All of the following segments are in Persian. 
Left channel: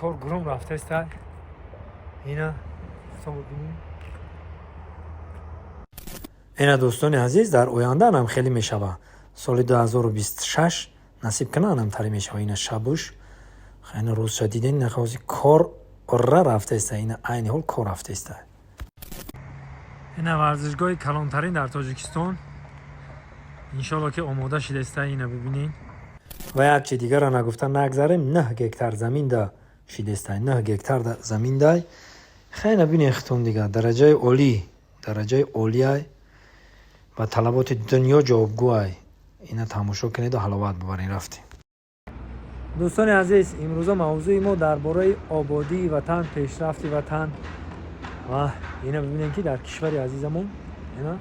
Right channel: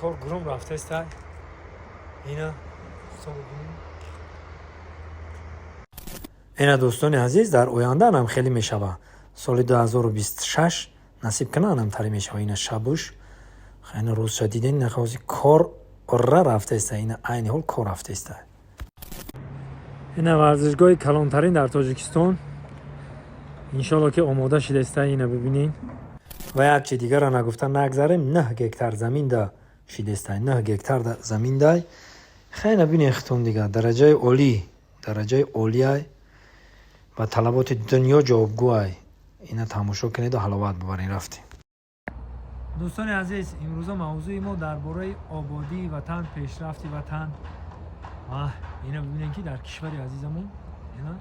کار گروم رفته است. اینا دوستان ببینید. اینا دوستان عزیز در آینده هم خیلی میشوه. سال 2026 نصیب کنه هم تری میشوه. اینا شبوش خیلی روز شدیدین نخواستی کار را رفته است. اینا عین حال کار رفته است. اینا ورزشگاه کلانترین در تاجیکستان. انشالله که آماده شده است. اینا ببینید. و یک چی دیگر را نگفتن نگذاریم. 9 گکتار زمین دا شده است. 9 گکتار زمین دا خیلی ببینید ختون دیگه درجه عالی و طلبات دنیا جوابگوی. اینا تماشا کنید و حلاوت ببرین رفتیم. دوستان عزیز امروز موضوع ما درباره آبادی وطن، پیشرفت وطن و اینا ببینید که در کشور عزیزمون اینا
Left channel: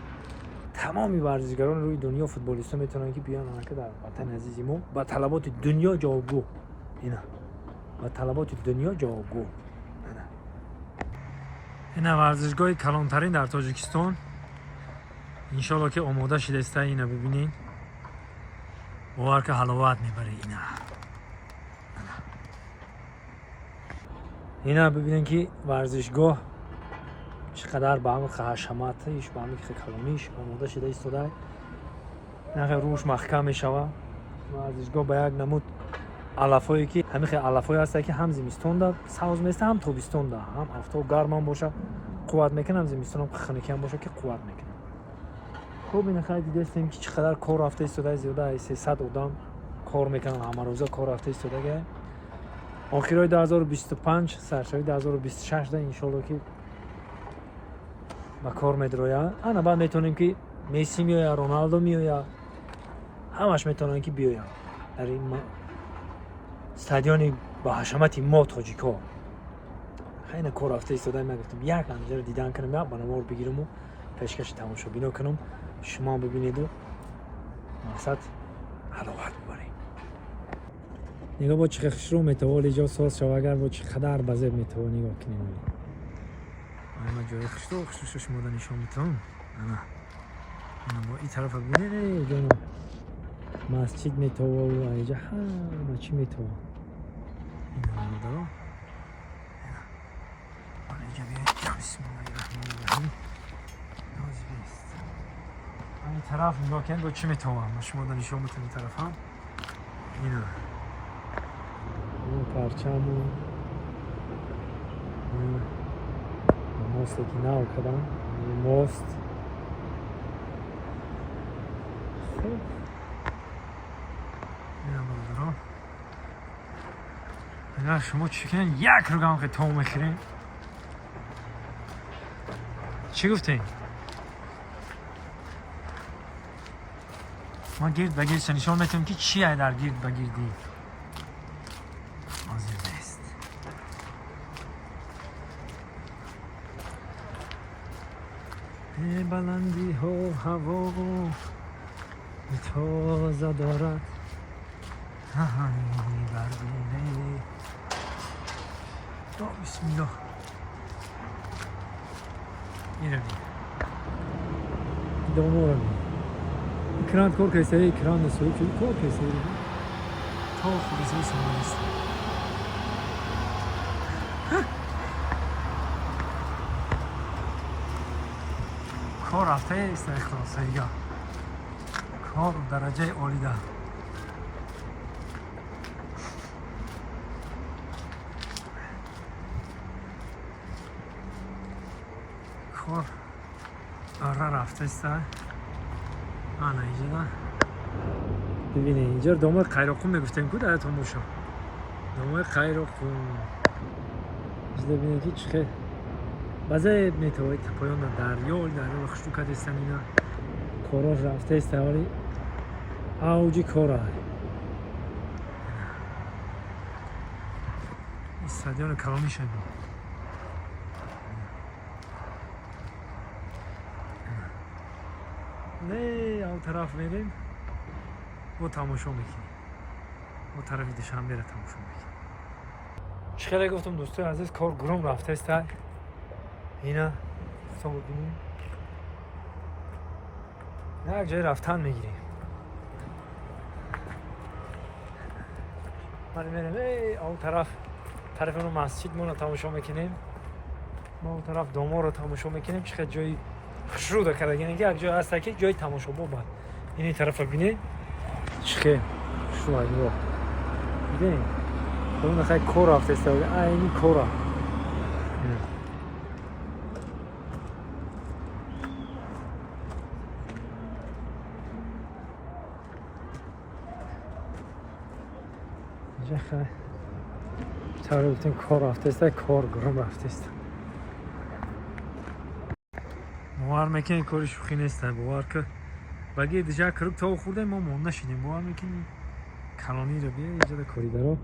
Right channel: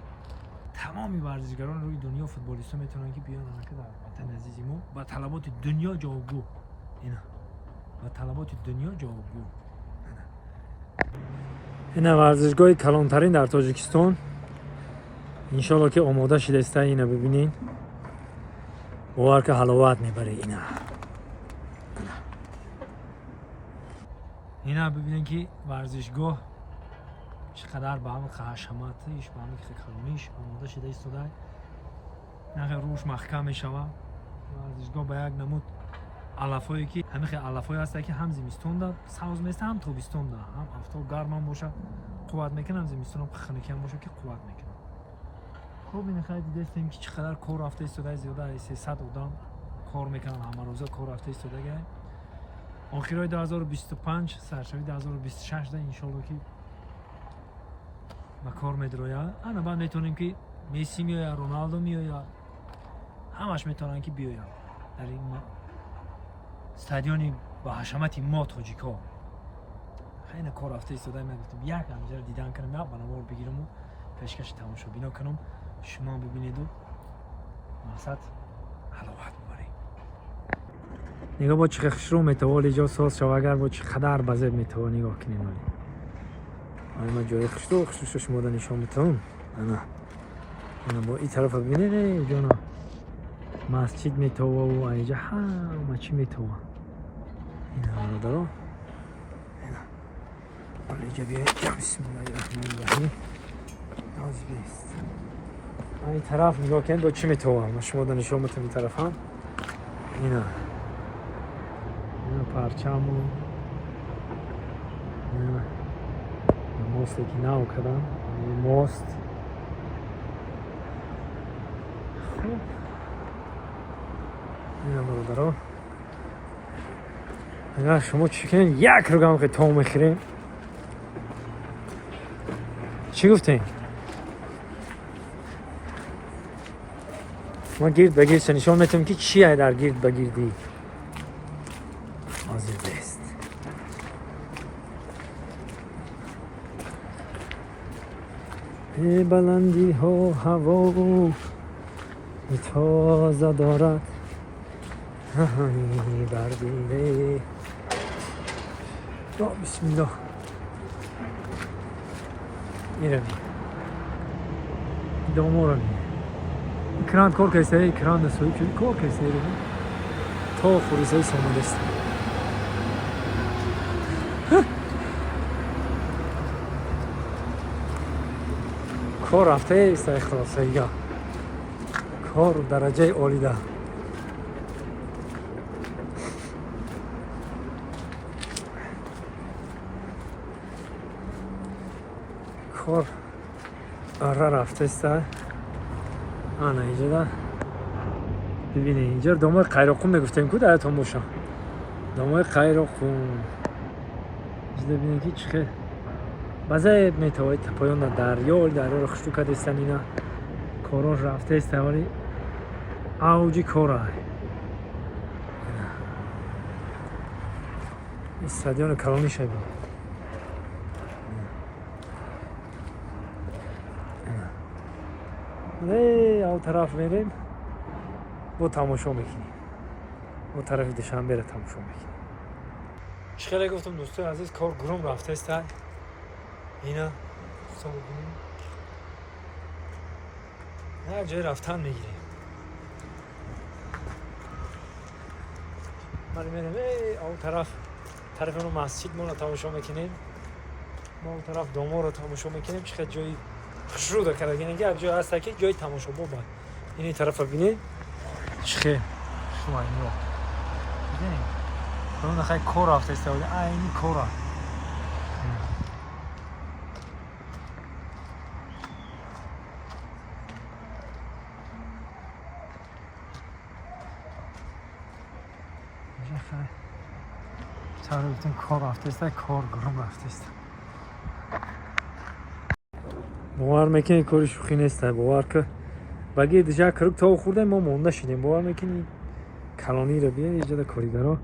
تمامی ورزشکاران روی دنیا فوتبالیستا میتونن که بیان که در وطن عزیز ما با طلبات دنیا جوابگو. اینا با طلبات دنیا جوابگو. اینا ورزشگاه کلانترین در تاجیکستان. انشالله که آماده شده است. اینا ببینید باور که حلاوت میبره. اینا ببینید که ورزشگاه چقدر با هم حشمتش با هم کلانیش آماده شده است. نه روش محکم میشوه. ورزشگاه با یک نمود علفایی که همین علفای هست که هم زمستون دا سوز میسته هم تابستون دا هم هفته گرم هم باشه قوت میکنه، هم زمستون هم خنکی هم باشه که قوت میکنه. خب این خیلی دیدیم که چقدر کار رفته است. زیاده 300 آدم کار میکنن همه روزا کار رفته است. دیگه آخرای 2025 سرشوی 2026 دا انشالله که با کار میدرویا. انا بعد میتونیم که مسی میایا، رونالدو میایا، همش میتونن که بیاین در این استادیوم با حشمت ما تاجیکا. خیلی کار رفته است. من گفتم یک همجا رو دیدن کنم یا بنوار بگیرم و پیشکش تماشا بینا کنم شما ببینید و مقصد حلاوت ببرید. نگاه با چه خشرو میتوال اینجا ساز شو اگر با چه قدر بزرگ میتوال نگاه کنیم. ولی ما جای خشرو شما دا نشان میتونم. انا با این طرف ببینید اینجا مسجد میتوال و اینجا همه چی میتوال. اینا رو دارم. ولی اینجا بیاید بسم الله الرحمن الرحیم. نازی بیست این طرف نگاه کنید با چی میتوان. ما شما دا نشان میتونم این طرف هم اینا پرچم و موست که نو کردم موست. اینا برادران اگر شما چی کنید یک رگم که تا میخوریم چی گفتین؟ ما گرد بگیرد نشان میتونم که چیه در گرد بگیردی. حاضر بست بلندی ها هوا تازه دارد همی بردیره. بسم الله میرم دومورم کران کار کیسه کران دستوی چون کار کیسه تا فوریسه سامانه است. کار رفته است اخلاصیه کار درجه عالی ده. کار آره رفته است. آنا اینجا دا ببینید اینجا دامای قیراقون میگفتیم که در تماشا دامای قیراقون اینجا ببینید که چخه بازه میتوانید پایان در دریا رو خشتو کرده استن. اینا کارا رفته است ولی اوجی کارا این استادیوم کلانی شده. اون طرف میریم با تماشا میکنیم. اون طرف دوشنبه را تماشا میکنیم. چقدر گفتم دوستای عزیز کار گروم رفته است. اینا دوستان ببینیم یک جای رفتن میگیریم. ولی میریم اون طرف طرف اون مسجد ما رو تماشا میکنیم ما اون طرف دامار رو تماشا میکنیم چقدر جای خشروده کرده یعنی یک جای هست که جای تماشا بود این طرف ببینید چقدر خواهی رو ببینید اون خیلی کور رفته است این کور اینجا خیلی چرا گفتیم کار رفته است کار گرم رفته است باور میکنی کاری شوخی نیست باور که بگی دیگه کرک تا خورده ما مونده شدیم باور میکنی کلانی رو بیاد اینجا کاریگرا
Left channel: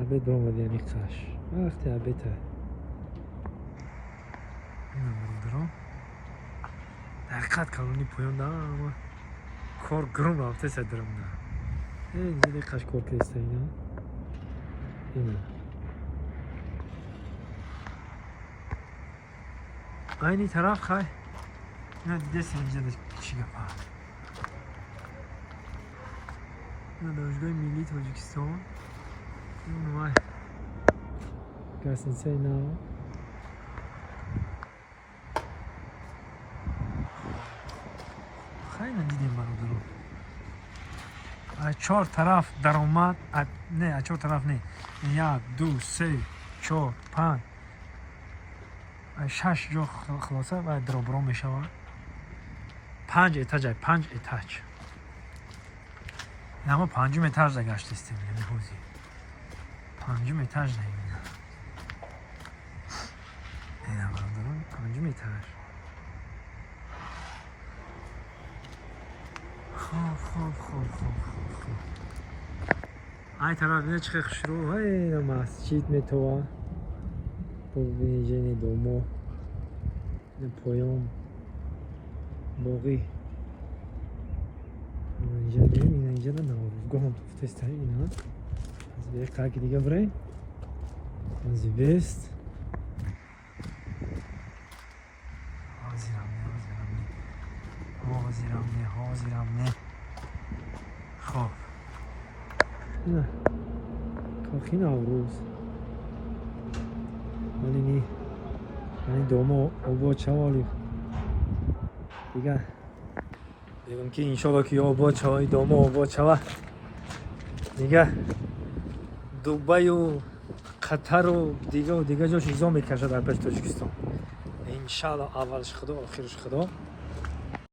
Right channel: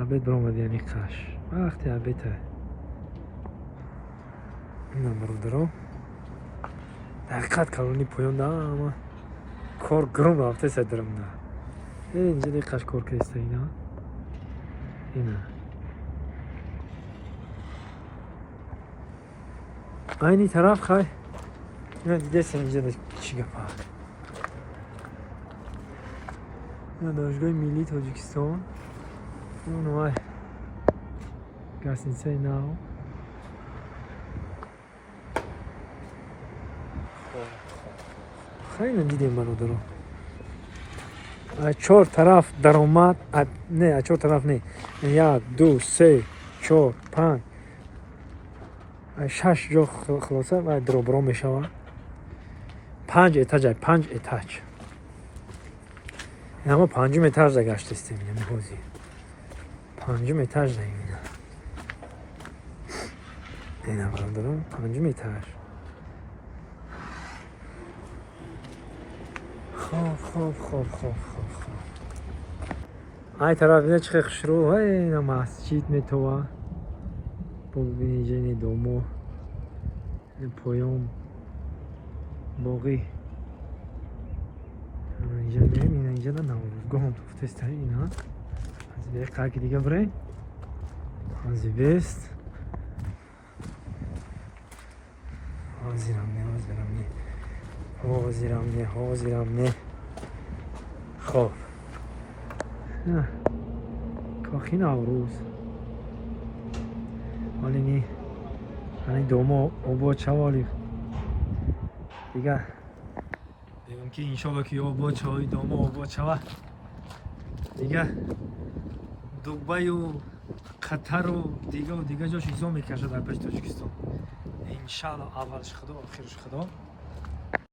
عبید برامد یعنی قش وقتی عبیده اینم برادرها دقیقت کلانی پایان ده اما کار گرم رفته است درم ده اینجا دیقش کار که است اینا اینه اینی طرف خواهی اینا دیده سن اینجا چی گفت اینا دانشگاه ملی تاجیکستان اونو های گرسنسه اینا خیلی دیدیم برادرها چهار طرف در اومد نه چهار طرف نه 1 2 3 4 5 6 جا خلاصه و درو می شود 5 اتاج 5 اتاج اما 5 اتاج گشت استیم یعنی حوزی 5 اتاج نه اینا برادران 5 اتاج خوب های طرف اینه چه خشرو های اینا مسجد میتوه ببینید اینجا دومو این پایان باقی اینجا بریم اینا اینجا نه نوروزگاه هم توفته است اینا از به قرک دیگه بریم از بیست حاضرم نه خب نه کاخی نوروز ولی نی این دومو آباد چوالی دیگه بگم که انشالله که آباد چوای دومو آباد چوا دیگه دبی و قطر و دیگه جاش ایزا میکشه در پیش تاجیکستان انشالله اولش خدا آخرش خدا